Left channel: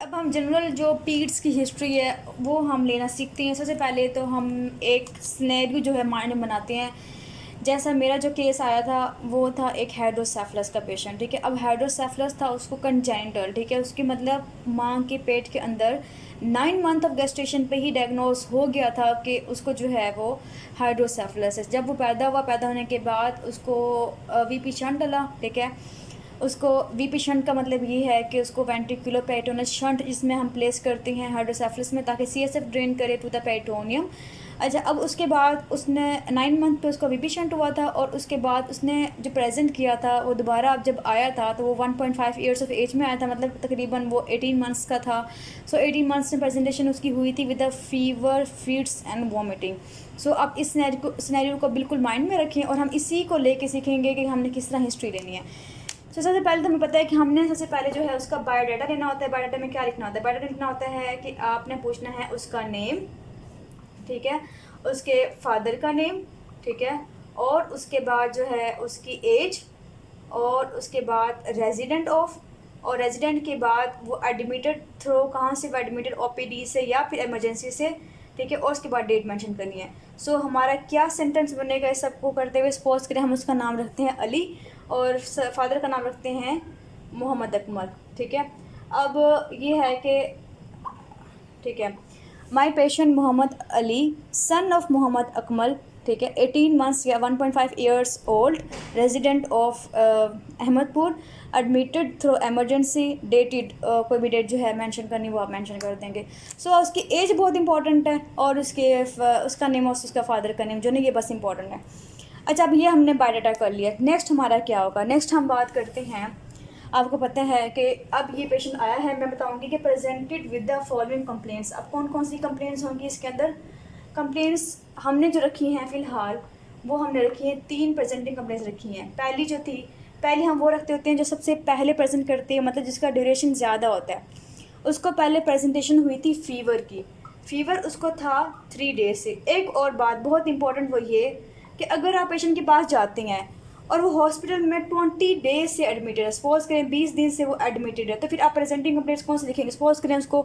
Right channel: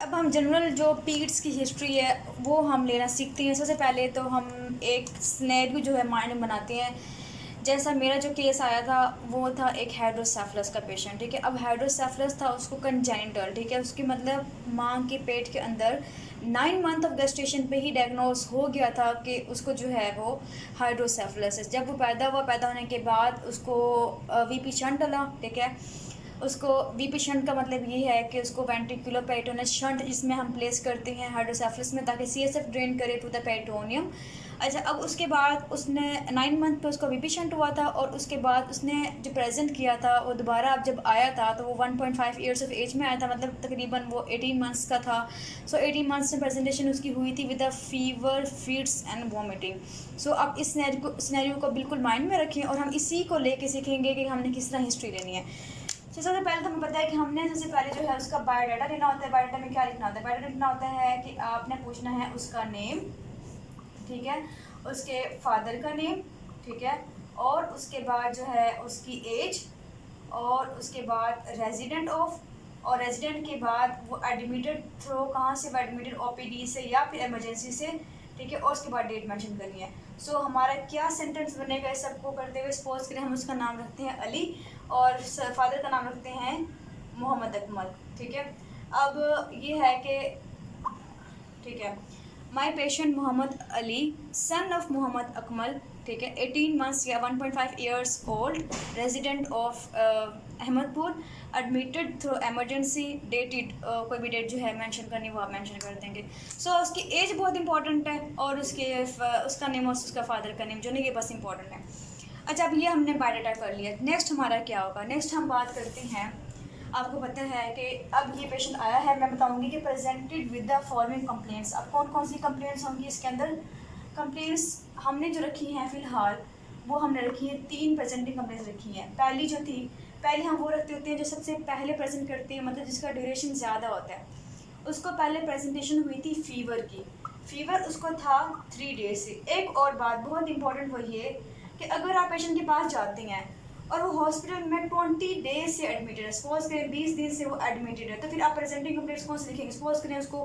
अब हम जनरल जो पीड्स की हिस्ट्री है वो हम लेना सीखते हैं। सबसे पहले तो हम एक सिनेरियो जो है माइंड में बनाते हैं। जैसा मेरा जो केस आया था वो था एक हाइड्रोसेफलस का पेशेंट, ठीक है। अब हाइड्रोसेफलस था, उसको कंजेनिटल, ठीक है, उसकी मतलब माँ के पेट के अंदर 9 मंथ ऑफ गेस्टेशन पे ही डायग्नोस हो गया था कि उसको जो है वो हाइड्रोसेफलस है। जब वो पैदा हुआ, पैदा होने के बाद उसको वीपी शंट डला, ठीक है। उसको वीपी शंट का मतलब ये है कि उसको वेंट्रिकुलर पेरिटोनियस शंट जिसमें हम प्लेस करते हैं हाइड्रोसेफलस में, ताकि सीएसएफ ड्रेन करे टू द पेरिटोनियम। अच्छा, अब उसके बाद उसने 9 मंथ पे उसको वीपी शंट हुआ था, और उसके बाद उसने जो प्रेजेंट किया था वो दोबारा अब जब आया था तो वो 1.5 ईयर्स ऑफ एज में आया था, मतलब तकरीबन वो 18 मंथ्स का था। सो 18 मंथ्स में प्रेजेंटेशन उसकी हुई थी with a fever, feeds and vomiting. So अब इस सिनेरियो को बिल्कुल माइंड में रखें और हम इसी को लेके सीखेंगे कि हमने किस तरह हिस्ट्री लेनी है। तो सबसे पहले तो हमें पता है कि हमने सबसे पहले जो है उसका बायोडाटा लेना होता है। बायोडाटा में क्या लिखना होता है? बायोडाटा लिखना होता है कि आपने पूछना है उसका नेम, ठीक है, उसके फादर का नेम, ठीक है, और उसके बाद जो है उसकी एज, और उसके बाद रेजिडेंट ऑफ, और रेजिडेंट के बाद वो एडमिटेड थ्रू कहाँ से, वो एडमिटेड ओपीडी से या फिर इमरजेंसी से, ठीक है, और उसके बाद डेट मेंशन करनी है। सो हमारा क्या सेंटेंस बनेगा इस सबको करते हुए? सपोज करें हम उसका नाम रखते हैं अली और फादर का नाम रखते हैं मोहम्मद अकमल, ठीक है। अब ये है कि, ठीक है, my patient Mohammad Ali son of Mohammad Akmal, ठीक है, 18 मंथ्स या 1.5 years old, resident of Ahmadpur, admitted through emergency, dated, कोई भी डेट जो है मेंशन करनी वो आप मेंशन कर देंगे। सो उसकी एज बहुत इंपॉर्टेंट है, और उसका नेम और उसका फादर का नेम जो नहीं, ये बस इंपॉर्टेंट है। अच्छा, अब ये हमने बायोडाटा कर लिया। नेक्स्ट हमारा क्या होगा? नेक्स्ट हम बात करते हैं, आपको पता है कि अब ये पेशेंट आया है, मैं बताऊंगी कि presented with the following complaints. अब कौन कौन सी कंप्लेंट्स होंगी इसके अंदर? कंप्लेंट्स हमने जो रखी हैं फ़िलहाल वो हमने रखी हैं 3 प्रेजेंटिंग कंप्लेंट्स रखी हैं। पहली जो थी, पहले हम वो रखते होते हैं जो सबसे पहले प्रेजेंट करते हैं, मतलब जिसका ड्यूरेशन ज़्यादा होता है। उसको पहले प्रेजेंटेशन हुई थी फ़ीवर की। फ़ीवर उसको था 3 डेज से। एक और बात बहुत इंपॉर्टेंट वो ये कि अगर आप पेशेंट के पास जाते हैं और वो हॉस्पिटल में 20 डेज से एडमिटेड है, सपोज करें 20 दिन से वो एडमिटेड है, तो फिर आप प्रेजेंटिंग कंप्लेंट्स कौन से लिखेंगे? सपोज करें उसको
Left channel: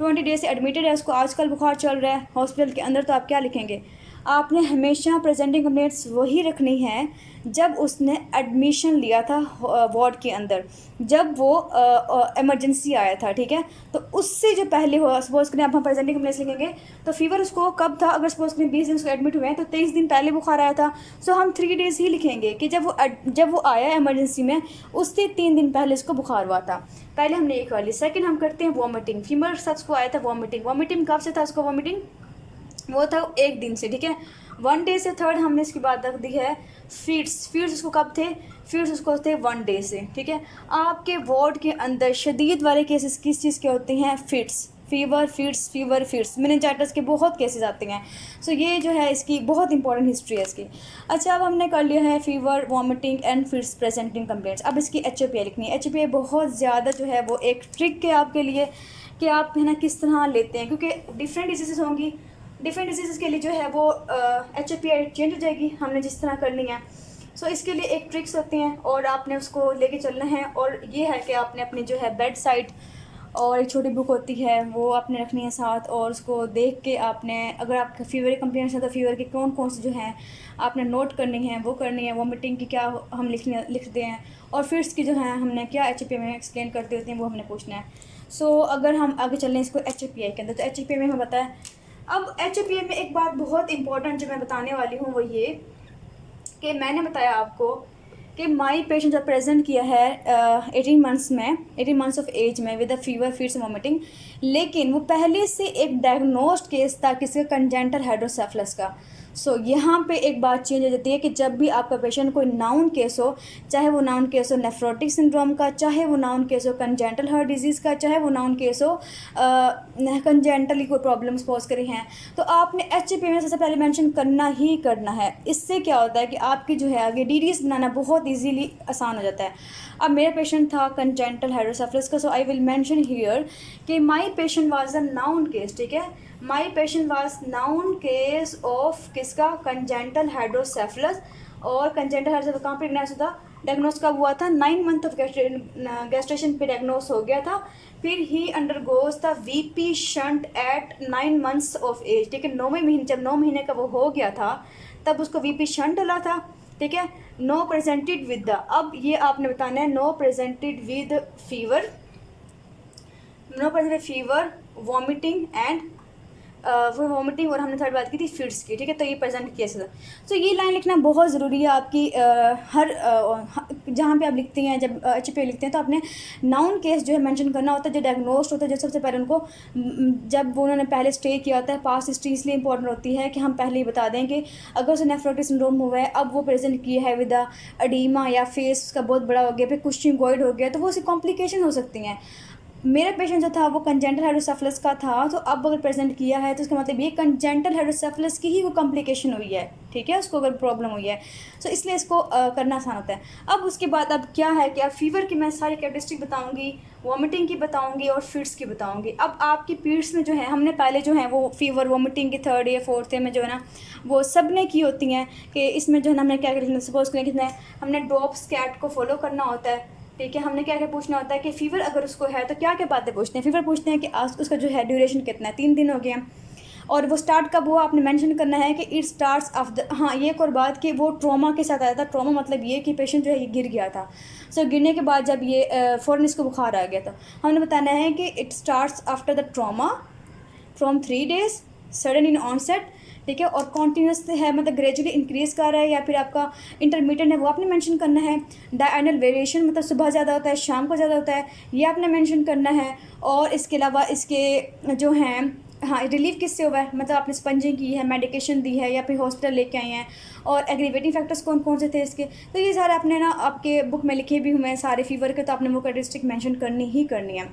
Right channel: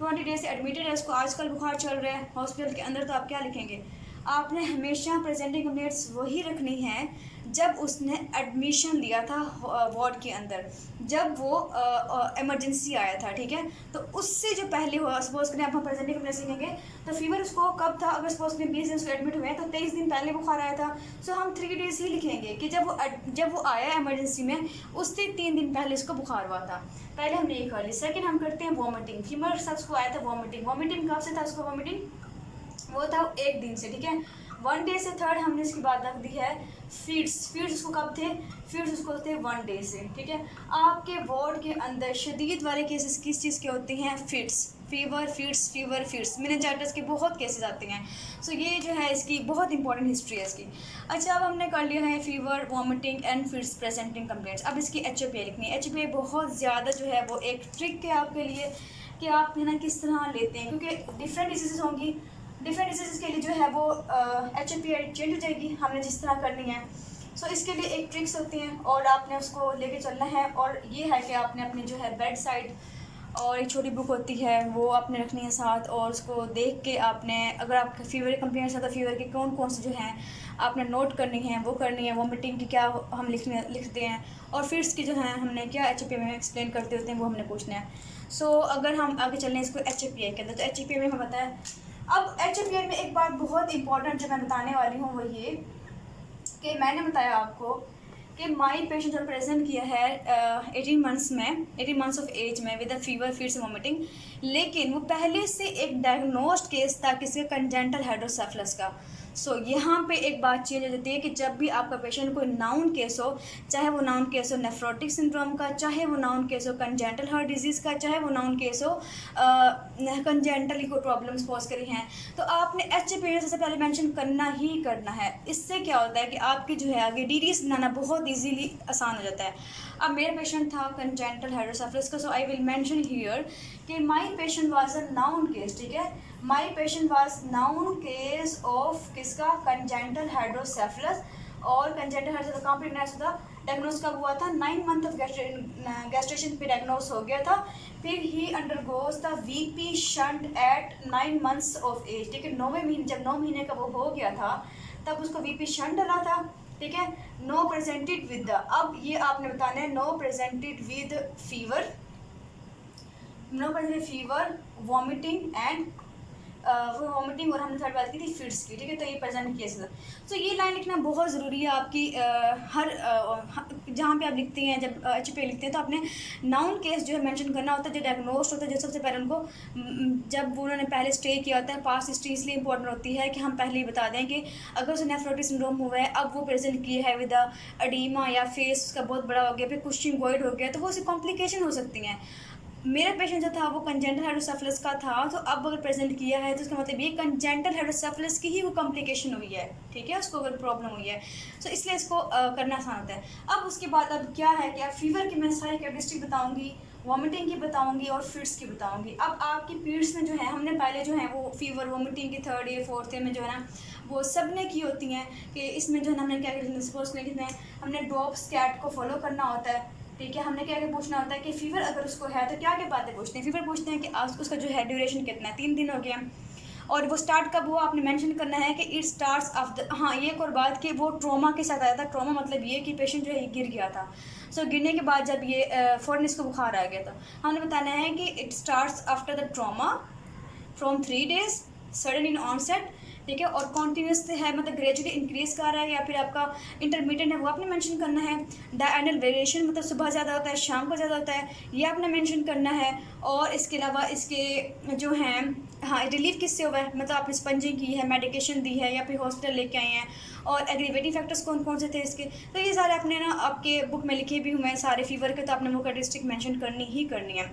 20 डेज से एडमिटेड है, उसको आजकल बुखार चल रहा है हॉस्पिटल के अंदर, तो आप क्या लिखेंगे? आपने हमेशा प्रेजेंटिंग कंप्लेंट्स वही रखनी है जब उसने एडमिशन लिया था वार्ड के अंदर, जब वो इमरजेंसी आया था, ठीक है। तो उससे जो पहले हुआ, सपोज करें अब हम प्रेजेंटिंग कंप्लेंट्स लिखेंगे तो फीवर उसको कब था? अगर सपोज करें 20 दिन उसको एडमिट हुए हैं तो 23 दिन पहले बुखार आया था। सो हम 3 डेज ही लिखेंगे कि जब वो आया इमरजेंसी में उससे 3 दिन पहले उसको बुखार हुआ था। पहले हमने ये कर ली। सेकंड हम करते हैं वॉमिटिंग। फीवर के साथ उसको आया था वॉमिटिंग। वॉमिटिंग कब से था उसको? वॉमिटिंग वो था 1 दिन से, ठीक है, 1 डे से। थर्ड हमने इसकी बात रख दी है फीड्स। फीड्स उसको कब थे? फीड्स उसको थे 1 डे से, ठीक है। आपके वार्ड के अंदर शदीद वाले केसेस किस चीज़ के होते हैं? फिट्स, फीवर, फीड्स, मेनिंजाइटिस के बहुत केसेस आते हैं। सो ये जो है इसकी बहुत इंपॉर्टेंट हिस्ट्री है इसकी। अच्छा, अब हमने कर लिया है fever, vomiting and fits presenting complaints. अब इसकी HPI लिखनी है। HPI बहुत ज़्यादा जो है वो एक ट्रिक है आपके लिए कि आप है ना किस तरह लेते हैं, क्योंकि डिफरेंट डिजीज़ होंगी। डिफरेंट डिजीज़ के लिए जो है वो HPI चेंज हो जाएगी हमने जिस तरह करनी है। सो इसके लिए एक ट्रिक्स होती हैं और आपने उसको लेके चलना है। और ये है कि आपने अपनी जो है बेड साइड और एक छोटी बुक होती है वो आपने रखनी है साथ, और उसको देख के आपने, अगर आपके फीवर की कंप्लेंट्स हैं तो फीवर के कौन कौन से जो हैं आपने नोट करनी है वो करनी है। वॉमिटिंग की क्या हम लिखते हैं, और फिर की जो है हमने क्या HPI में एक्सप्लेन करते होते हैं वो हमने पूछना है। सो अगर हम आगे चलें इसको HPI के अंदर, तो HPI में हमें बताया। अब HPI में एक बात बहुत इंपॉर्टेंट जो मैं बताने वाली हूँ वो ये कि मैंने बताया आपको कि माई पेशेंट जब प्रेजेंट किया है 18 मंथ्स में, 18 मंथ्स ऑफ एज में with the fever, feeds, vomiting, लेकिन वो पहले से एक डायग्नोस्ड केस था किसी कंजेंटल हाइड्रोसेफलस का। सो यहाँ पे एक बात चेंज हो जाती है कि जब भी आपका पेशेंट कोई नाउन केस हो, चाहे वो नाउन केस हो नेफ्रोटिक सिंड्रोम का, चाहे वो नाउन केस हो कंजेंटल हार्ट डिजीज़ का, चाहे वो नाउन केस हो कंजेंटली कोई प्रॉब्लम्स पोज करी हैं, तो आपने HPI में सबसे पहले मेंशन करना ही करना है। इससे क्या होता है कि आपकी जो है आगे DDS बनाना बहुत ईजीली आसान हो जाता है। अब मेरा पेशेंट था कंजेंटल हाइड्रोसेफलस का, so I will mention here कि my patient was a known case, ठीक है। My patient was known case of किसका? Congenital hydrocephalus. और कंजेंटल हार्ट कहाँ पे डिagnosis था, डायग्नोस कब हुआ था, 9 मंथ ऑफ गैस्ट्रेशन पे डायग्नोस हो गया था। फिर he undergoes the VP shunt at 9 months of age, ठीक है। 9वें महीने, जब 9 महीने का वो हो गया था तब उसको वीपी शंट डला था, ठीक है। नो प्रेजेंटेड विद द, अब ये आपने बताना है, no presented with fever, no presented fever, vomiting and वो वॉमिटिंग, और हमने थर्ड बात की थी फिट्स की, ठीक है। तो ये प्रेजेंट किया था। तो ये लाइन लिखना बहुत ज़रूरी है आपकी, हर जहाँ पे आप लिखते हैं, जब HP लिखते हैं तो आपने नाउन केस जो है मेंशन करना होता है, जो डायग्नोस्ड होता है, जो सबसे पहले उनको जब वो उन्होंने पहले स्टे किया होता है। पास्ट हिस्ट्री इसलिए इंपॉर्टेंट होती है कि हम पहले ही बता दें कि अगर उसे नेफ्रोटिक सिंड्रोम हुआ है, अब वो प्रेजेंट किया है विद एडीमा या फेस उसका बहुत बड़ा हो गया, फिर कुशिंगोइड हो गया, तो वो उसकी कॉम्प्लिकेशन हो सकती हैं। मेरा पेशेंट जो था वो कंजेंटल हाइड्रोसेफलस का था, तो अब अगर प्रेजेंट किया है तो इसका मतलब ये कंजेंटल हाइड्रोसेफलस की ही वो कॉम्प्लिकेशन हुई है, ठीक है, उसको अगर प्रॉब्लम हुई है। तो इसलिए इसको करना आसान होता है। अब उसके बाद अब क्या है कि अब फीवर की मैं सारी कैरेक्टरिस्टिक बताऊंगी, वॉमिटिंग की बताऊंगी और फिट्स की बताऊंगी। अब आपकी पीरियड्स में जो है हमने पहले जो है वो फीवर वॉमिटिंग की 3rd या 4th में जो है ना वो सब ने की होती हैं कि इसमें जो है ना हमने क्या करें, सपोज करें कि हमने ड्रॉप स्कैट को फॉलो करना होता है, ठीक है। हमने क्या क्या पूछना होता है कि फ़ीवर अगर उसको है तो क्या क्या बातें पूछते हैं। फ़ीवर पूछते हैं कि आज उसका जो है ड्यूरेशन कितना है, 3 दिन हो गया, और वो स्टार्ट कब हुआ आपने मेंशन करना है कि इट स्टार्ट्स ऑफ द, हाँ ये एक और बात कि वो ट्रॉमा के साथ आया था। ट्रॉमा मतलब ये कि पेशेंट जो है ये गिर गया था। सो गिरने के बाद जब ये फ़ौरन इसको बुखार आ गया था, हमने बताना है कि it starts after the trauma from 3 days, sudden in onset, ठीक है, और कॉन्टीन्यूस है मतलब ग्रेजुअली इंक्रीज कर रहा है, या फिर आपका इंटरमीडिएट है वो आपने मेंशन करना है। डायनल वेरिएशन मतलब सुबह ज़्यादा होता है शाम को ज़्यादा होता है, ये आपने मेंशन करना है। और इसके अलावा इसके जो हैं, हाँ रिलीफ किससे हुआ है, मतलब आपने स्पंजिंग की है, मेडिकेशन दी है, या फिर हॉस्पिटल लेके आए हैं, और एग्रीवेटिंग फैक्टर्स कौन कौन से थे इसके। तो ये सारे आपने ना आपके बुक में लिखे भी हुए हैं सारे फीवर के, तो आपने वो कैरेक्टरिस्टिक मेंशन करनी ही करनी है।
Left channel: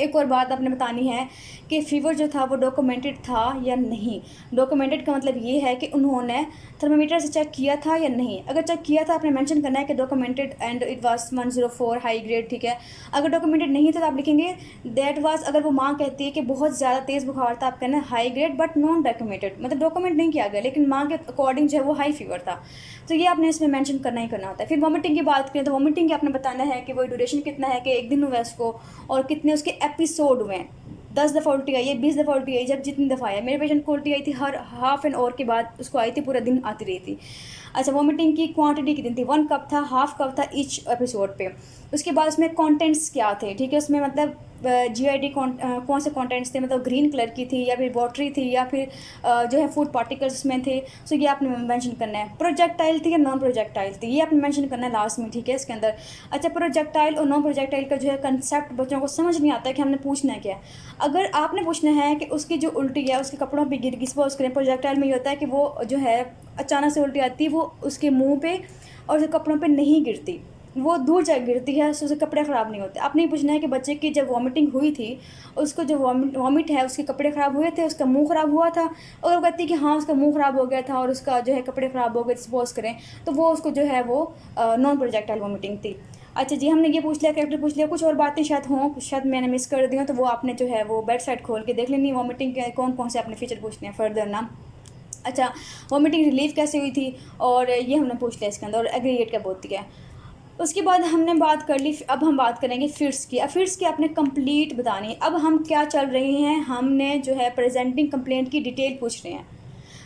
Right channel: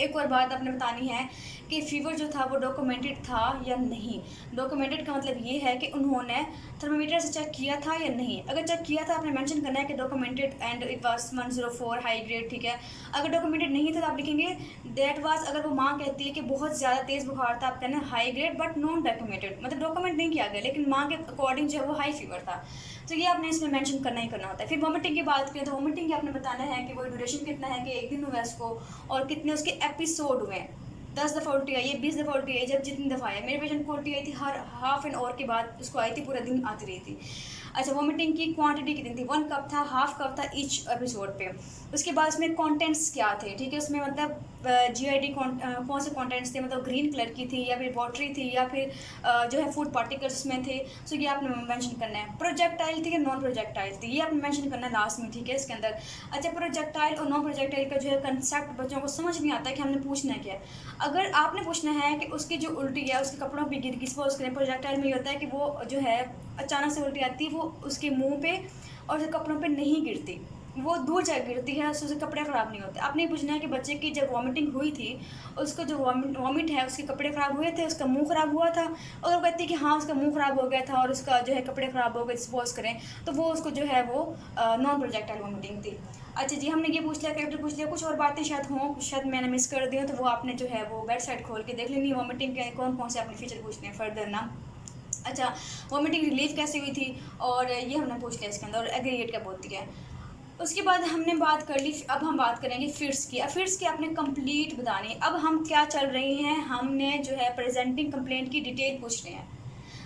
एक और बात आपने बतानी है कि फ़ीवर जो था वो डॉक्यूमेंटेड था या नहीं। डॉक्यूमेंटेड का मतलब ये है कि उन्होंने थर्मामीटर से चेक किया था या नहीं। अगर चेक किया था आपने मेंशन करना है कि documented and it was 104 high grade, ठीक है। अगर डॉक्यूमेंटेड नहीं था तो आप लिखेंगे दैट वाज, अगर वो माँ कहती है कि बहुत ज़्यादा तेज़ बुखार था, आप कहना high grade but non documented, मतलब डॉक्यूमेंट नहीं किया गया लेकिन माँ के अकॉर्डिंग जो है वो हाई फीवर था। तो ये आपने इसमें मेंशन करना ही करना होता है। फिर वॉमिटिंग की बात करें तो वॉमिटिंग की आपने बताना है कि वो ड्यूरेशन कितना है, कि 1 दिन हुआ इसको, और कितने उसके एपिसोड हुए हैं। 10 दफ़ा उल्टी आई है, 20 दफ़ा उल्टी आई, जब जितनी दफ़ा आया। मेरे पेशेंट को उल्टी आई थी हर हाफ एन आवर के बाद उसको आई थी, पूरा दिन आती रही थी। अच्छा, वॉमिटिंग की क्वांटिटी कितनी थी, 1 कप था, हाफ कप था ईच एपिसोड पे। उसके बाद उसमें कंटेंट्स क्या थे, ठीक है, उसमें मतलब GID कौन से कंटेंट्स थे, मतलब ग्रीन कलर की थी या फिर वाटरी थी या फिर जो है फूड पार्टिकल्स में थे। सो ये आपने मेंशन करना है। प्रोजेक्टाइल थी या नॉन प्रोजेक्टाइल थी, ये आपने मेंशन करना है लास्ट में, ठीक है, इसके अंदर। अच्छा, प्रोजेक्टाइल और नॉन प्रोजेक्टाइल का जो है कंसेप्ट बच्चों को समझ नहीं आता है कि हमने पूछना है क्या। अगर आपने पूछना है कि उसकी जो उल्टी है उसके कपड़ों पर गिर गई, सपोज करें प्रोजेक्टाइल में ये होता है कि वो जो है अचानक से उल्टी आती है, वो उसके मुँह पे और उसके कपड़ों पे नहीं गिरती, वो दूर जाकर गिरती है, तो उसके कपड़े ख़राब नहीं होते। आपने पूछना है कि बच्चे की जब वॉमिटिंग हुई थी, उसको जो वॉमिट है उसके कपड़े ख़राब हुए थे, उसका मुंह ख़राब हुआ था, और वो कहती है कि हाँ उसका मुंह ख़राब हो गया था और उसका जो है कपड़े ख़राब हो गए, सपोज करें, तो वो उसको जो है वो नॉन प्रोजेक्टाइल वॉमिटिंग थी। अच्छा जी, हमने ये पूछ लिया, कैरेक्टर पूछ लिया, कुछ और बातें शायद हों, शायद मैंने मिस कर दी हूँ, तो वो आपने जो है वो वेबसाइट खोल के देख लेनी है। वॉमिटिंग के कौन कौन से आपने फीचर पूछने हैं फर्दर ना। अच्छा, वॉमिटिंग रिलीफ कैसे हुई थी, और ये हमने पूछ लिया इसके अंदर, और एग्रीगेट क्या बोलती है। उसके बाद हमने बात कर ली, अब हम बात करेंगे फिट्स की। अब फिट्स की आपने कंप्लीट बतानी है। अब हम क्या चल रही हैं, हमने जो है प्रेजेंटिंग कंप्लेंट की डिटेल पूछ रहे हैं।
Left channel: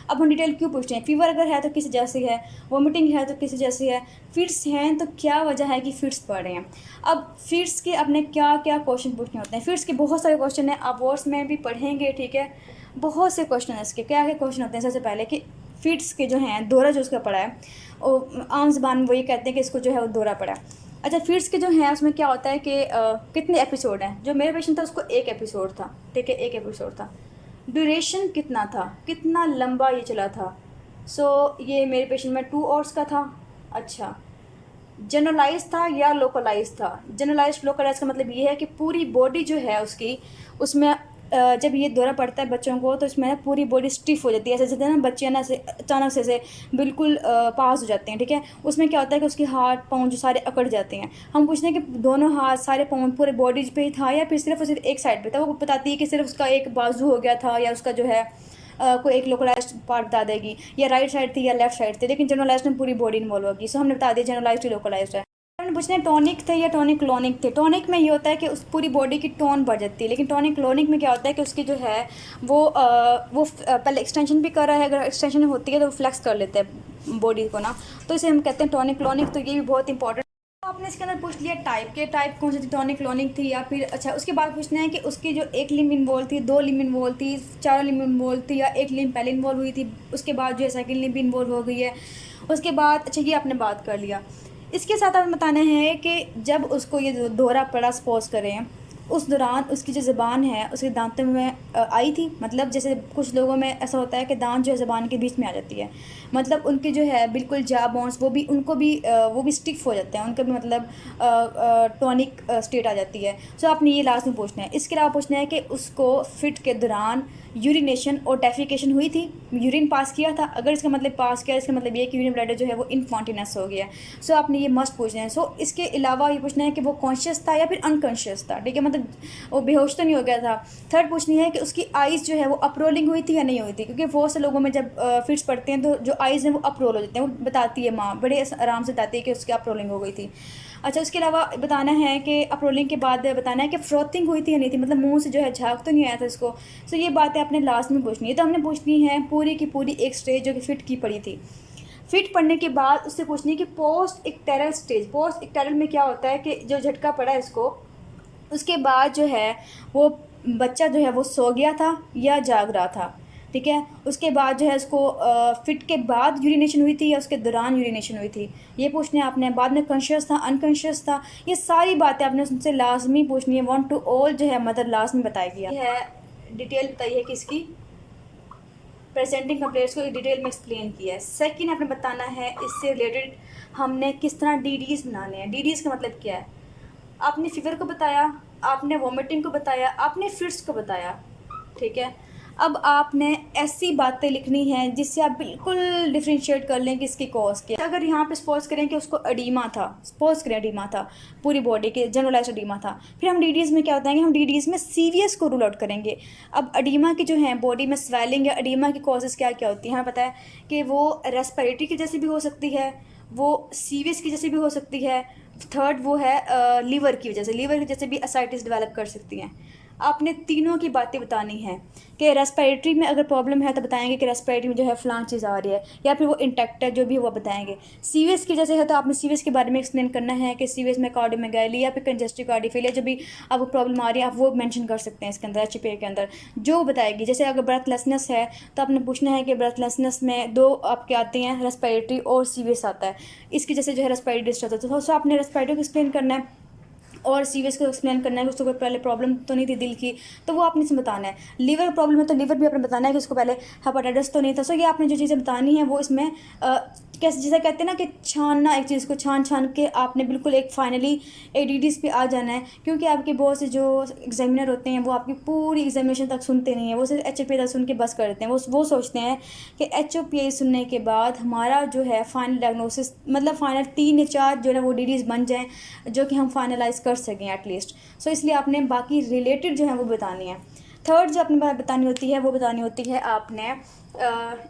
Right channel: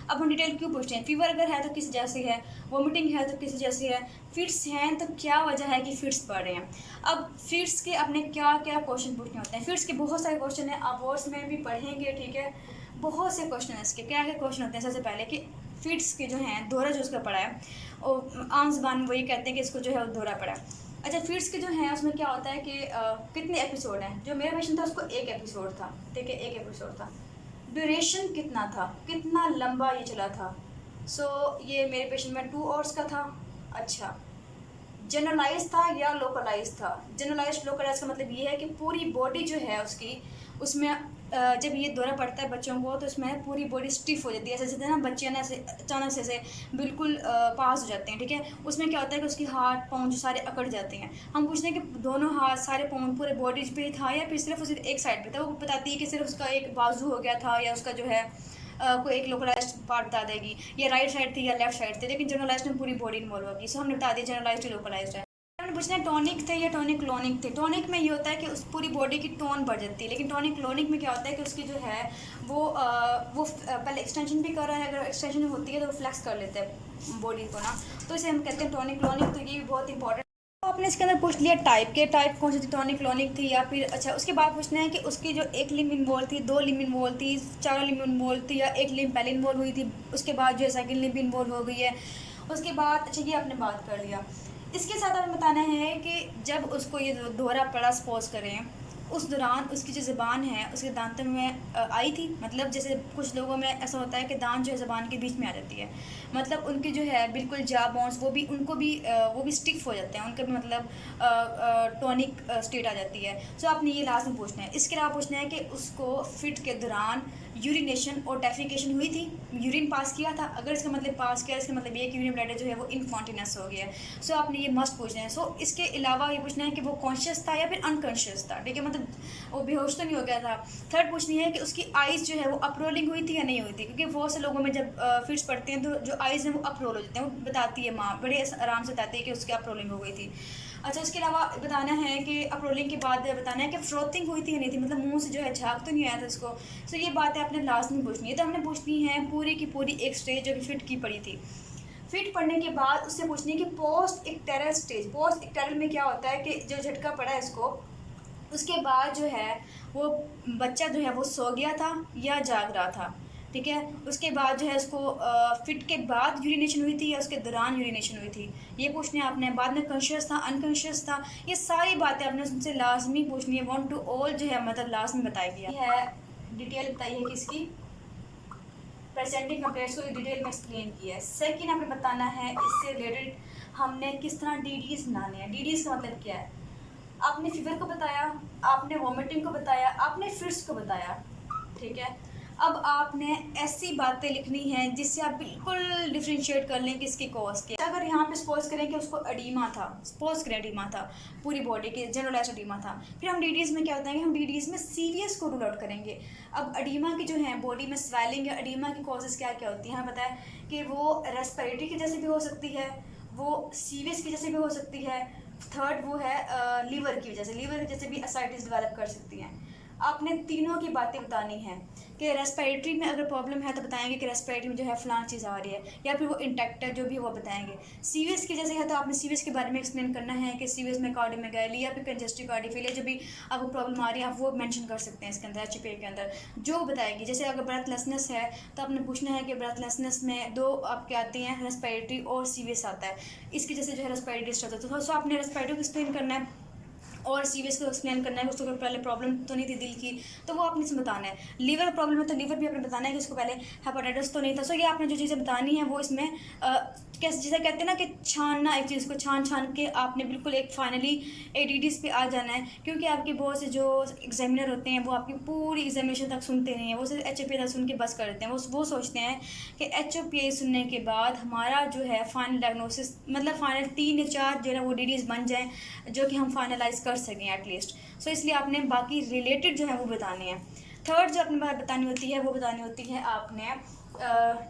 अब हम डिटेल क्यों पूछ रहे हैं, फीवर अगर है तो किस जैसी है, वॉमिटिंग है तो किस जैसी है, फिट्स हैं तो क्या वजह है कि फिट्स पड़ रहे हैं। अब फिट्स के अपने क्या क्या क्वेश्चन पूछने होते हैं। फिट्स के बहुत सारे क्वेश्चन हैं, आप वर्ड्स में भी पढ़ेंगे, ठीक है, बहुत से क्वेश्चन हैं इसके। क्या क्या क्वेश्चन होते हैं, सबसे पहले कि फिट्स के जो हैं दौरा जो उसका पड़ा है, और आम ज़बान वो ये कहते हैं कि इसको जो है वो दौरा पड़ा है। अच्छा, फिट्स के जो हैं उसमें क्या होता है कि कितने एपिसोड हैं। जो मेरा पेशेंट था उसको 1 एपिसोड था, ठीक है, 1 एपिसोड था। ड्यूरेशन कितना था, कितना लंबा ये चला था। ये मेरे पेशेंट में 2 आवर्स का था। अच्छा, जनरलाइज था या लोकलाइज था। जनरलाइज लोकलाइज का मतलब ये है कि पूरी बॉडी जो है उसकी, उसमें जब ये दौरा पड़ता है बच्चों को तो इसमें पूरी बॉडी स्टिफ हो जाती है, ऐसे जैसे ना बच्चे ना ऐसे अचानक से बिल्कुल पास हो जाते हैं, ठीक है। उसमें क्या होता है कि उसके हाथ पाँव जो सारे अकड़ जाते हैं। हम पूछते हैं कि दोनों हाथ सारे पाँव पूरे बॉडी पे ही था या फिर सिर्फ एक साइड पे था। वो बताती है कि सिर्फ उसका एक बाजू हो गया था या उसका जो है कोई एक लोकलाइज्ड पार्ट बता देगी, या राइट साइड थी या लेफ्ट साइड थी, लेकिन जनरलाइज्ड में पूरी बॉडी इन्वॉल्व होगी। सो हमने बता दिया जनरलाइज्ड ही लोकलाइज्ड है। हमने पूछना है टॉनिक थे या टॉनिक क्लोनिक थे। टॉनिक में ये होता है कि उस पूरी बॉडी की टोन बढ़ जाती है, लेकिन टॉनिक क्लोनिक में क्या होता है कि उसकी जो है वो पहले एक्सटेंशन भी कर रहा है, अगर एक्सटेंशन होती है तो वो फ्लेक्स कर लेते हैं बॉडी को ना, तो इसे हम कहते हैं टॉनिक क्लोनिक। तो ये भी बहुत इंपॉर्टेंट। आपने इसके अंदर पूछ लिया टाइप कौन सी थी, टॉनिक क्लोनिक थी या फिर अच्छा उसके बाद पूछना है कि उसकी जो एक लिम्ब इन्वॉल्व थी, 2 लिम्ब इन्वॉल्व थी, 4 लिम्ब इन्वॉल्व थी, या एक लिम्ब पहले इन्वॉल्व हुई थी उसके बाद जो है सेकंड लिम्ब इन्वॉल्व हो गई है उसके बाद। अच्छा ये आपने बात कर लिया। इसके साथ हमें बताना है कि जब उसको ये दौरा पड़ा सपोज करें, उस दौरान उसकी जो ज़बान है उसके दांतों में आई थी, मतलब जैसे कुछ लोगों में ऐसा होता है कि दांत जो है ज़बान के बीच में आ जाती है, मतलब उनकी जो है बिल्कुल जा बोन्स वो भी स्टिफ हो जाते हैं, उनका भी मतलब टॉनिक स्टेट आ जाती है। सो आपने ये लास्ट में पूछना है। इसके अलावा पूछना है कि उसको फिट के दौरान यूरिनेशन और डेफिकेशन हुई थी, यूरिन पास किया था, अगर इसका मतलब पास किया इसका मतलब ये कि यूरिन ब्लैडर जो है वो इनकॉन्टिनेंस हो गया है। सो आपने ये मस्ट पूछना है। सो इसके अलावा ये पूछना है कि वो कॉन्शियस था या फिर अनकॉन्शियस था, ठीक है, मतलब वो बेहोश तो नहीं हो गया था। थर्ड पूछनी है कि उसकी आइज़ जो है वो अपरोलिंग हुई थी या नहीं हुई थी, क्योंकि बहुत से लोगों में जब फिट्स पड़ते हैं तो जो आइज़ हैं वो अपरोल हो जाते हैं, वो बताती है माँ बड़े आराम से बताती है कि उसकी अपरोलिंग हो गई थी। अच्छा उसके अलावा बताना है कि अपरोलिंग के बाद बताना है कि फ्रोथिंग हुई थी या नहीं थी, मतलब मुंह से जो है झाग तो नहीं आया था इसको। सो ये बातें आपने लास्ट में पूछनी है। तो हमने पूछनी है पूरी की पूरी एक स्टेज जो कि फिट की पड़ी थी। फिट पड़ने के बाद उससे पूछनी है कि पोस्ट इक्टेरल स्टेज। पोस्ट इक्टेरल में क्या होता है कि जो झटका पड़ा है इसको, उसके बाद जो है वो बच्चा जो है वो सो गया था या जाग रहा था, ठीक है। उसके बाद जो है उसको फिट के बाद यूरिनेशन हुई थी या उसके दौरान यूरिनेशन हुई थी, ये पूछने आपने। बाद में कॉन्शियस था अनकॉन्शियस था, ये सारी बातें आपने उससे लाजमी पूछनी है। 1 to all जो है मतलब लाजमी बताएगी। ये है डिटेल बताइए कि इसकी प्रेजेंटिंग कंप्लेंट्स को डिटेल में एक्सप्लेन किया है। सेकंड आपने बताना है इससे रिलेटेड हमने किस तरह डीडीज़ बनाने हैं। डीडीज़ का मतलब क्या है, आपने फीवर को बताया, आपने वॉमिटिंग को बताया, आपने फिट्स को बताया, ठीक है। अब आपने ऐसी बातें लिखनी हैं जिससे आप बिल्कुल डिफ्रेंशिएट कर लें कि इसकी कॉज क्या। अगर यहाँ पे सपोज करें कि उसको एडीमा था, सपोज करें एडीमा था, पूरी बॉडी के जनरलाइज एडीमा था, फिर हम डीडीज़ में क्या बताएंगे, हम डीडीज़ में सीवीएस को रूल आउट करेंगे। अब एडीमा की जो है बॉडी में स्वेलिंग या एडीमा की कॉजेज़ क्या क्या होती हैं, हमें पता है कि वो रेस्पिरेटरी की वजह से भी हो सकती है, वो सीवीएस की वजह से भी हो सकती है, थर्ड वो है लीवर की वजह से, लीवर की वजह से भी एसाइटिस डेवलप कर सकती हैं। आपने तीनों की बातें बतानी है कि रेस्पिरेटरी में अगर प्रॉब्लम है तो बताएंगे कि रेस्पिरेटरी में जो है फलां चीज़ आ रही है, या फिर वो इंटेक्ट है जो भी वो बताएंगे। सीवीएस की जैसे है तो आपने सीवीएस के बारे में एक्सप्लेन करना है कि सीवीएस में कार्डियोमेगाली या फिर कंजेस्टिव कार्डियोफेलिया जो भी आपको प्रॉब्लम आ रही है आप वो मेंशन कर सकते हैं इसके अंदर एचपीए के अंदर जो बताएगी। जैसे अगर ब्रेथलेसनेस है तो आपने पूछना है कि ब्रेथलेसनेस में 2 आपके आते हैं, रेस्पिरेटरी और सीवीएस आता है, इसकी जैसे जो है रेस्पिरेटरी डिस्टर्ब होता है। तो आपने रेस्पिरेटरी को एक्सप्लेन करना है और सीवीएस को एक्सप्लेन करना है कि उसको कोई पहले प्रॉब्लम तो नहीं थी दिल की, तो वो आपने इसमें बताना है। लीवर प्रॉब्लम है तो लीवर भी आपने बताना है कि उसको पहले हेपेटाइटिस तो नहीं था। सो ये आपने जो चीज़ें बतानी है वो इसमें कैसे जैसे कहते हैं ना कि छानना, एक चीज़ को छान के आपने बिल्कुल एक फाइनली एडीडीज़ पे आ जाना है, क्योंकि आपके बहुत से जो एग्जामिनर होते हैं वो आपकी पूरी एग्जामिनेशन तक सुनते नहीं हैं, वो सिर्फ एच तक सुन के बस कर देते हैं। वो सोचते हैं कि एच सुनने के बाद हमारा जो है फाइनल डायग्नोसिस मतलब फाइनल 3 या 4 जो है वो डीडीज़ बन जाएँ जो कि हम फाइनलाइज कर सकें एटलीस्ट। सो इसलिए आपने बाकी रिलेटेड जो है वो बतानी है। थर्ड जो अपनी बात बतानी होती है वो बतानी होती है आपने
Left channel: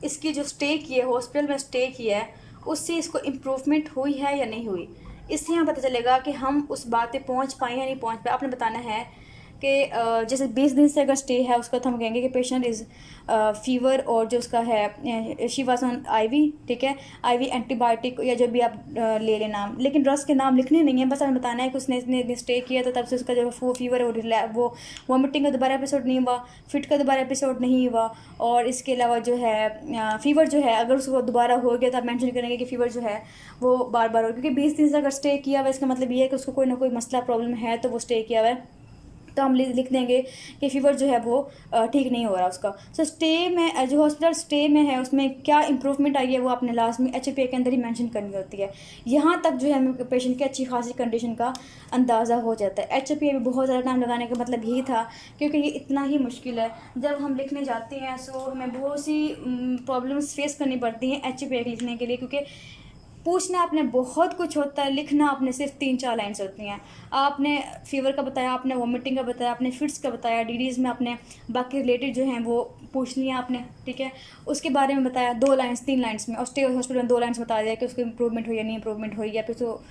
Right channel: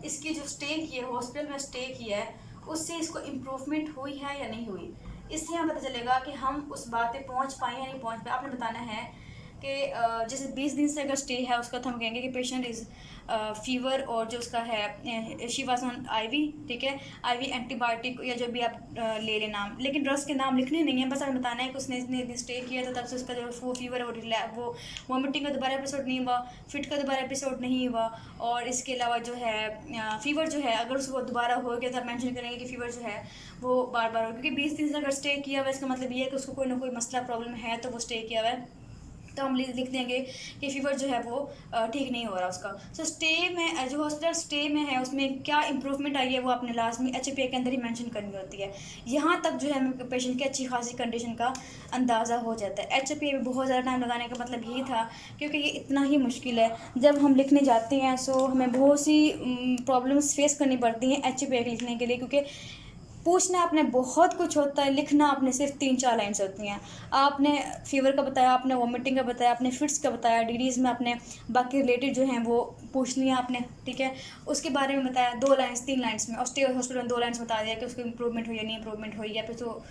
इसकी जो स्टे की है, हॉस्पिटल में स्टे की है, उससे इसको इम्प्रूवमेंट हुई है या नहीं हुई। इससे हमें पता चलेगा कि हम उस बात पे पहुंच पाए या नहीं पहुंच पाए। आपने बताना है कि जैसे 20 दिन से अगर स्टे है उसका तो हम कहेंगे कि पेशेंट इज़ फीवर और जो उसका है शी वाज ऑन आईवी, ठीक है, आईवी एंटीबायोटिक या जो भी आप ले लें नाम, लेकिन ड्रग्स के नाम लिखने नहीं है, बस हमें बताना है कि उसने इतने स्टे किया तो तब से उसका जो वो फीवर है वो वॉमिटिंग का दोबारा एपिसोड नहीं हुआ, फिट का दोबारा एपिसोड नहीं हुआ, और इसके अलावा जो है फीवर जो है अगर उसको दोबारा हो गया तो आप मेंशन करेंगे कि फीवर जो है वो बार बार हो, क्योंकि 20 दिन से अगर स्टे किया हुआ इसका मतलब ये है कि उसको कोई ना कोई मसला प्रॉब्लम है तो वो स्टे किया हुआ है, तो हम लिख देंगे कि फीवर जो है वो ठीक नहीं हो रहा उसका। सो स्टे में जो हॉस्पिटल स्टे में है उसमें क्या इंप्रूवमेंट आई है वो आपने लाजमी एचपीए के अंदर ही मेंशन करनी होती है। यहाँ तक जो है हमें पेशेंट की अच्छी खासी कंडीशन का अंदाज़ा हो जाता है। एचपीए में बहुत ज़्यादा टाइम लगाने का मतलब यही था क्योंकि ये इतना ही मुश्किल है। जब हम लिखने जाते हैं सो हमें बहुत सी प्रॉब्लम्स फेस करनी पड़ती हैं एचपीए लिखने के लिए, क्योंकि पूछना आपने बहुत कुछ होता है, लिखना आपने सिर्फ 3-4 लाइन्स होती हैं। आपने फ़ीवर का बताया, आपने वॉमिटिंग का बताया, आपने फिट्स का बताया, डीडीज़ में आपने बाकी रिलेटेड जो हैं वो पूछ लिया आपने, ठीक है। उसके बारे में बताया 2 लाइन्स 3 लाइन्स में, और स्टे हॉस्पिटल में 2 लाइन्स बता दिया कि उसको इम्प्रूवमेंट हुई या नहीं इम्प्रूवमेंट हुई, या फिर तो